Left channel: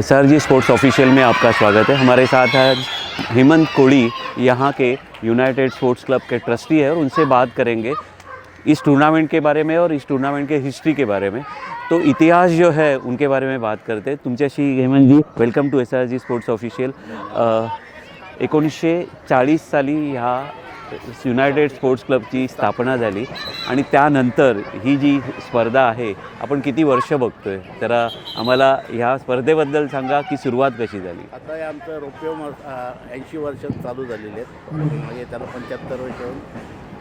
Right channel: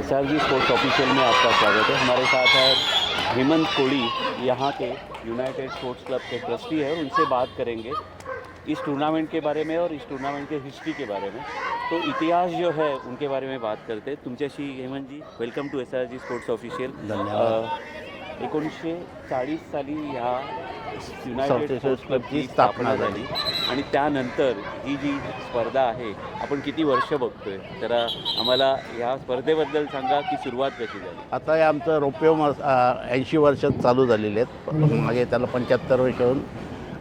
SRG sports official में आपका स्वागत है। हमारे साथ है हेमंत कोड़ी, यहाँ के यूनाइटेड स्पोर्ट्स क्लब के ट्रस्टी है और उनसे बात करेंगे इस टूर्नामेंट के बारे में और इस टूर्नामेंट के हिस्ट्री के बारे में। तो इतिहास जो है उनके बारे में बात करते हैं तुमच्याशी। Hemant ji, welcome to SRG sports official. 1940 साली ह्या युनायटेड स्पोर्ट्स क्लबची स्थापना झाली आणि त्यानंतर ही जी स्पर्धा आहे आपण किती वर्ष बघतोय, तर आम्हाला ह्या स्पर्धेबद्दल सांगा की सुरुवात कशी झाली। आता हे आमचं रोपे 80 वर्षात चालू झालेले आहेत। मागे त्याला 75 वर्ष होऊन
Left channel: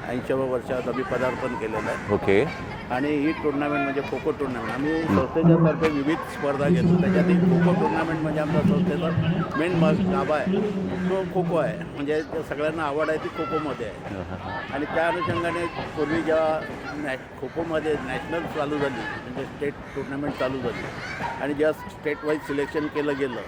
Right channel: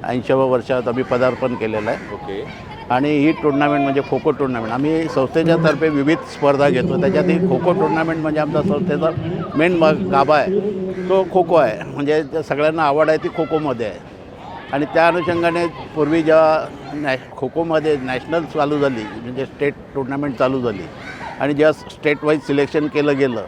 80व्या वर्षात आम्ही पदार्पण केलेलं आहे। ओके। आणि ही टुर्नामेंट म्हणजे खो खो टुर्नामेंट आम्ही संस्थेच्या तर्फे विविध स्पर्धा घेतो। त्याच्यात खो खो टुर्नामेंट म्हणजे आमच्या संस्थेचा मेन गाभा आहे तो खो खो आहे। म्हणजे सगळ्यांना आवड आहे ती खो खोमध्ये आहे। आणि त्या अनुषंगाने पूर्वी जेव्हा खो खोमध्ये नॅशनल चालू झाली, म्हणजे स्टेट टुर्नामेंट चालू झाली आणि जेव्हा स्टेट वाईज सिलेक्शन केलं गेलं,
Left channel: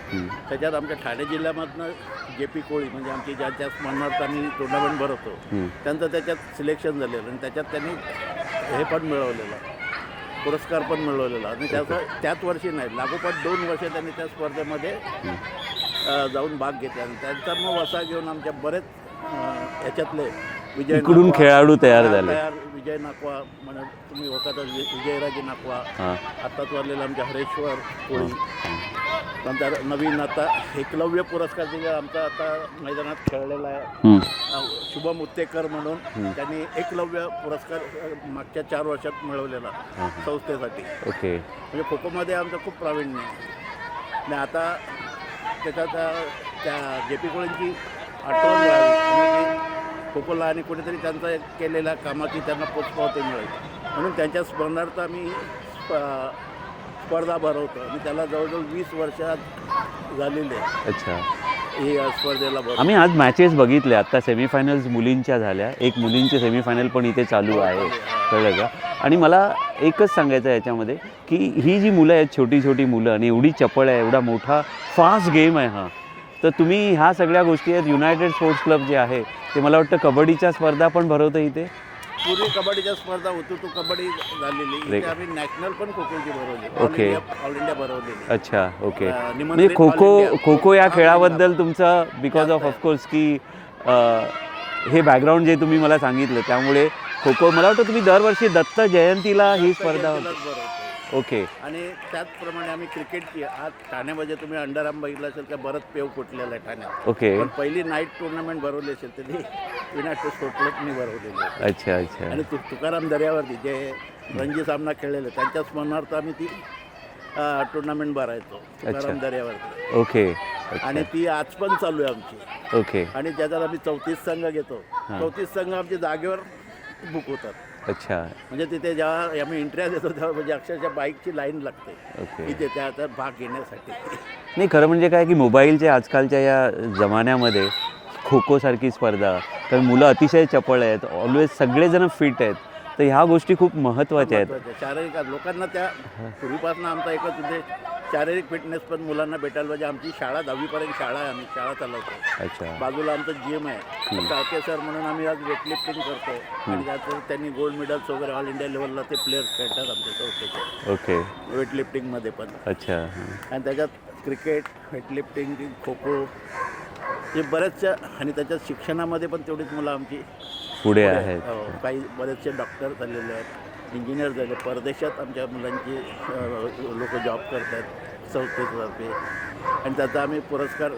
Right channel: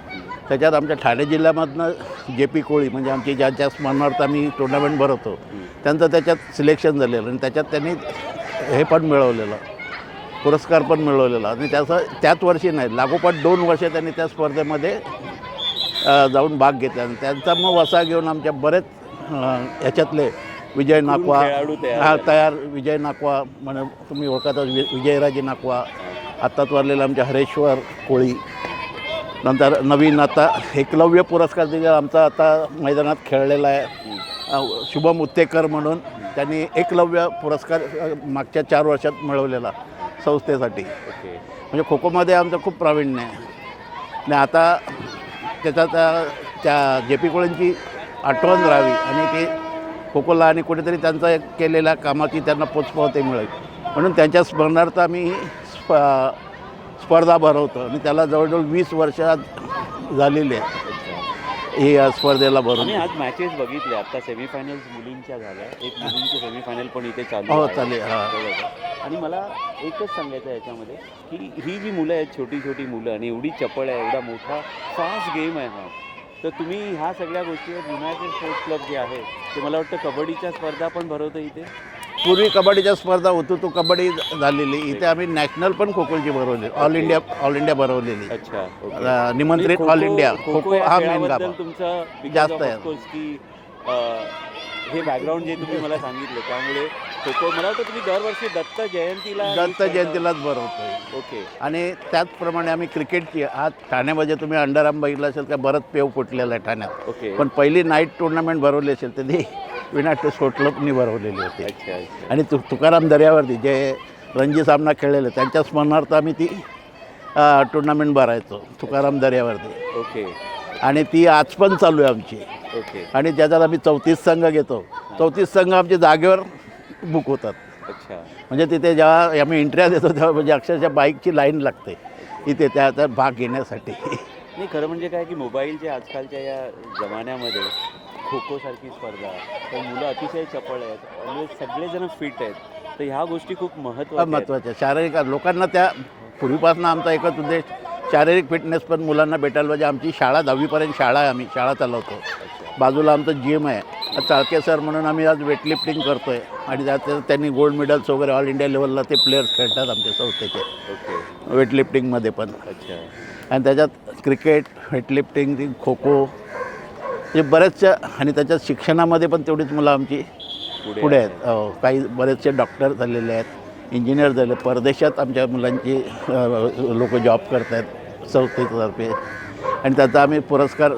त्याच्यात आमच्या ठाणे जिल्ह्यामधनं JP कोळी म्हणजे आमची ज्यांच्या स्मरणार्थ आम्ही टुर्नामेंट भरवतो त्यांचं त्याच्यात सिलेक्शन झालेलं आणि त्याच्यात त्यांनी हे पण मिळवलेलं, पुरस्कार पण मिळवलेला। आणि त्याच वर्षी नाही, लागोपाठ 2 वर्ष त्यांनी त्या स्पर्धेमध्ये जाऊन भाग घेतला आणि त्यांचा मग वसा घेऊन आमच्या बरेच ह्याच्यातले विजय नाकवा खेळाडू तयार विजय नाकवा म्हणजे तुम्ही ओळखता विजयराजे नाकवा, आत्ताच वारलेला आमच्या हरेश्वर कोळी, नंतर नवीन आता एकलव्य पुरस्कार दिला आमचा आता मैदानात खेळलेला आहे शुभम उत्तेकर म्हणून, त्यांनी एकलव्य पुरस्कार मागच्या 4 वर्षात मिळवलेला संस्थेसाठी। ओके। म्हणजे खो खोमध्ये आमचं खूप प्रावीण्य आहे आणि आता त्याच्यात त्या JP कोळींची आठवण राहावी आणि ते खो खोला आणि कुठेतरी त्यांचा केलेल्या कामाची त्यांना पोचपावती मिळेल म्हणून त्यांच्या स्मरणार्थ आम्ही स्पर्धा भरवतो आणि त्याला जवळजवळ 20 वर्षात झालेले आहे। अच्छा। ही स्पर्धेला भरवतो आम्ही आज मॅचेस बघितल्या, आता सेमीफायनल्स मुलींच्या झाल्या, एक मुलींचे सेमीफायनल पण इथे चालू आहे, कळलं का? आणि मला एकच सांगायचं आहे याच्यामध्ये की ही जी मुलं आहेत, छोटी छोटी मुलं, आणि एवढी चपळ आहे, एवढा मोठा फास्ट गेम आहे हा, तर तुम्ही ह्या सगळ्या गोष्टी आहेत। युनायटेड स्पोर्ट्स क्लब जे आहे ते मला वाटतं कबड्डीच्या स्पर्धा पण भरवतं इथे। पूर्वी कबड्डीच्या स्पर्धा होतो तो कबड्डी झालेली, इथे आम्ही नॅशनल पण खो खोची भरवली, ऑल इंडिया भरवलेली। अच्छा, ओके। निमंत्रित ऑल इंडिया खो खो या खेळाबद्दल तुमचं बिकॉज ऑफकोर्स की हे बॅकग्राऊंड जे तुम्ही मला सांगितलं त्यामुळे खो खो मला वाटतं तुम्ही दरवर्षी दत्त जयंतीलाच भरवतो। ओके। आणि त्याचप्रमाणे आम्ही क्रिकेटची आज ठाण्यामध्ये तुम्ही अंडरआर्म बघितलं असेल का, बरंच पेव फुटलेलं आहे ठाण्यात। ओके। पण पहिली नाईट टुर्नामेंट भरवली असेल तर ती युनायटेड स्पोर्ट्स क्लबनी भरवलेली होती। अच्छा अच्छा। आणि तुकाराम दर्यावरती जे रणजी सामना खेळलेले त्यांच्या स्मरणार्थ आम्ही ती टुर्नामेंट भरायचो तुकाराम दर्यावरती। ओके। आणि ती आज पण चालू आहे आमची। ओके। आणि ज्याच्यात आम्ही 34 संघ घेतो, 34 संघ आमच्या जागेवर बुक होतात। अच्छा। म्हणजे तिथे जेव्हा आम्ही एंट्र्या देतो तेव्हा म्हणजे अक्षरशः बाईकची लाईन लागते इथे त्या भाग घेण्यासाठी। नाही, खरं म्हणजे काय की मोबाईलच्या आजकालच्या या जमान्यामध्ये खो खोसारखी स्पर्धा, तर मुलं अतिशय चपळ आहेत, ऑलवेज सगळेजण फिट आहेत, तर ह्या गोष्टी खूप महत्त्वाच्या आहेत। शारीरिक लोकांना त्या पूर्वीपासून आमचा एकच उद्देश शारीरिक फिटनेस पण मुलांना भेटायला पाहिजे। आमची शाळा 10वीपर्यंत शाळा आहे, आम्ही शाळा चालवतो। अच्छा। बाजूला आमचं जिम आहे, चाळके सर म्हणून आम्ही आज वेटलिफ्टिंग करतोय आणि त्यात त्यांनी गोल्ड मेडल्स वगैरे ऑल इंडिया लेवलला ते प्लेयर्स खेळतात आमच्या संस्थेचे। ओके। वेटलिफ्टिंगमध्ये पण। अच्छा। आणि त्याच्यात क्रिकेट, वेटलिफ्टिंग, खो खो म्हणजे बऱ्याचशा, आणि त्याच्यात शिक्षणामध्ये पण तेवढीच मुलं आमची पुढे आहेत। काही बरेचसे डॉक्टर झालेले आहेत, इंजिनियर झाले, परदेशात आमच्या मुलांची लोक जॉब करत आहेत संस्थेतर्फे। आणि त्याचा आम्ही पुरस्कार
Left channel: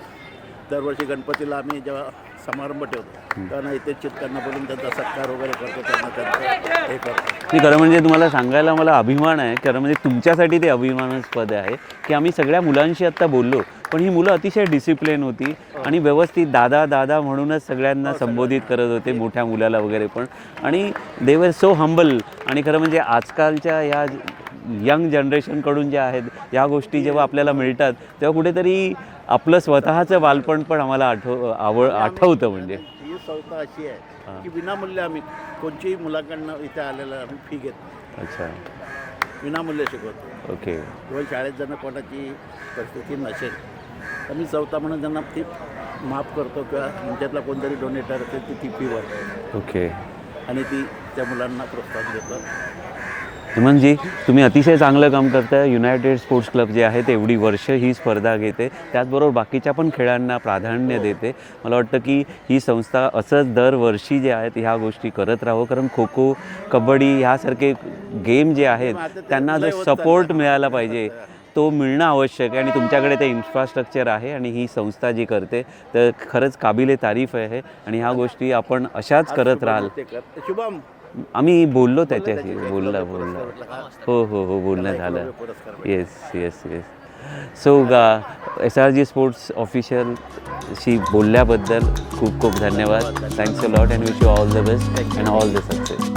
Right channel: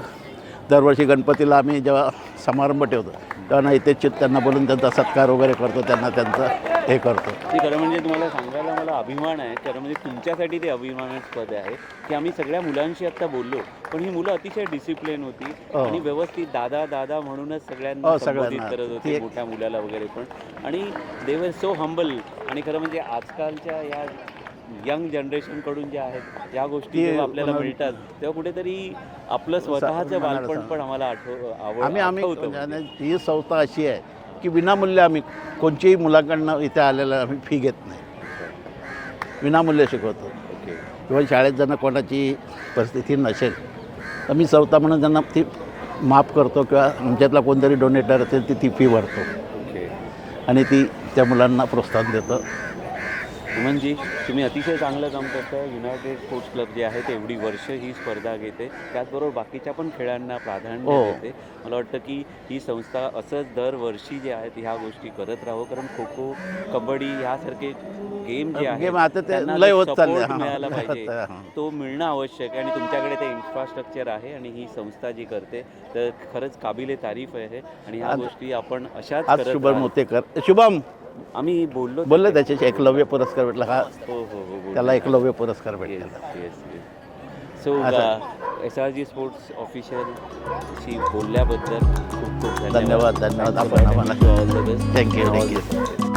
दरवर्षी गणपतीला आम्ही जेव्हा समारंभ ठेवतो तेव्हा इथे त्यांना बोलून त्यांचा सत्कार वगैरे करतो, त्यांना त्यांचं हे करतो। खरं म्हणजे तुम्हाला सांगायला मला अभिमान आहे, खरं म्हणजे तुमच्यासाठी ते अभिमानास्पद आहे की आम्ही सगळ्या मुलांशी आत्ता बोललो, पण ही मुलं अतिशय डिसिप्लिन होती आणि व्यवस्थित दादा दादा म्हणूनच सगळ्यांना संबोधित करत होते, मोठ्या मुलाला वगैरे पण, आणि दे वर सो हंबल। आणि खरं म्हणजे आजकालच्या या यंग जनरेशनकडून ज्या आहेत या गोष्टी जेव्हा आपल्याला मिळतात तेव्हा कुठेतरी आपलं स्वतःचं बालपण पण आम्हाला आठवतं। म्हणजे ही संस्था अशी आहे की विनामूल्य आम्ही कोणत्याही मुलांकडनं इथे आलेलं आम्ही फी घेत नाही। अच्छा। विनामूल्य शिकवतो। ओके। किंवा शाळेत ज्यांना कोणाची परिस्थिती नसेल तर मी संस्था म्हणून त्यांना ती माफ करतो, किंवा आमच्यातला कोणतरी डोनेटर असेल ती फी भरतो। ओके। आणि ती त्या मुलांना प्रोत्साहन देतं। हेमंतजी, तुम्ही अतिशय चांगलं काम करताय. युनायटेड स्पोर्ट्स क्लब जे आहे ते एवढी वर्ष ही स्पर्धा घेते, त्याचबरोबर बाकीच्या पण खेळांना प्राधान्य देते. मला वाटतं की ही संस्था असंच दरवर्षी जे आहेत ह्या गोष्टी करत राहो, कारण खो खो, कबड्डी ह्यासारखे गेम जे आहेत आता ते त्यांना लय जो होत चाललंय. सपोर्ट हां. मिळाला पाहिजे तो मिळणं आवश्यक आहे, आणि तुमच्याकडे ते इन्फ्रास्ट्रक्चर आहे आणि ही संस्था जी करते तर खरंच काबिले तारीफ आहे. आणि ह्या गोष्टी आपण अशाच आज करत शुभम राहाल. होतेकर. शुभम आम्ही बोललो बोलले त्याच्याशी एकलव्य पुरस्कार भेटला हा, हो हो हो बोलणं त्याला एकलव्य झालं. पुरस्कार भेटला. Yes yes yes. So SRG sports ऑफिशियलशी बोलल्याबद्दल खूप खूप धन्यवाद. धन्यवाद. Thanks a lot and wish you all the best. Thank you. All the success.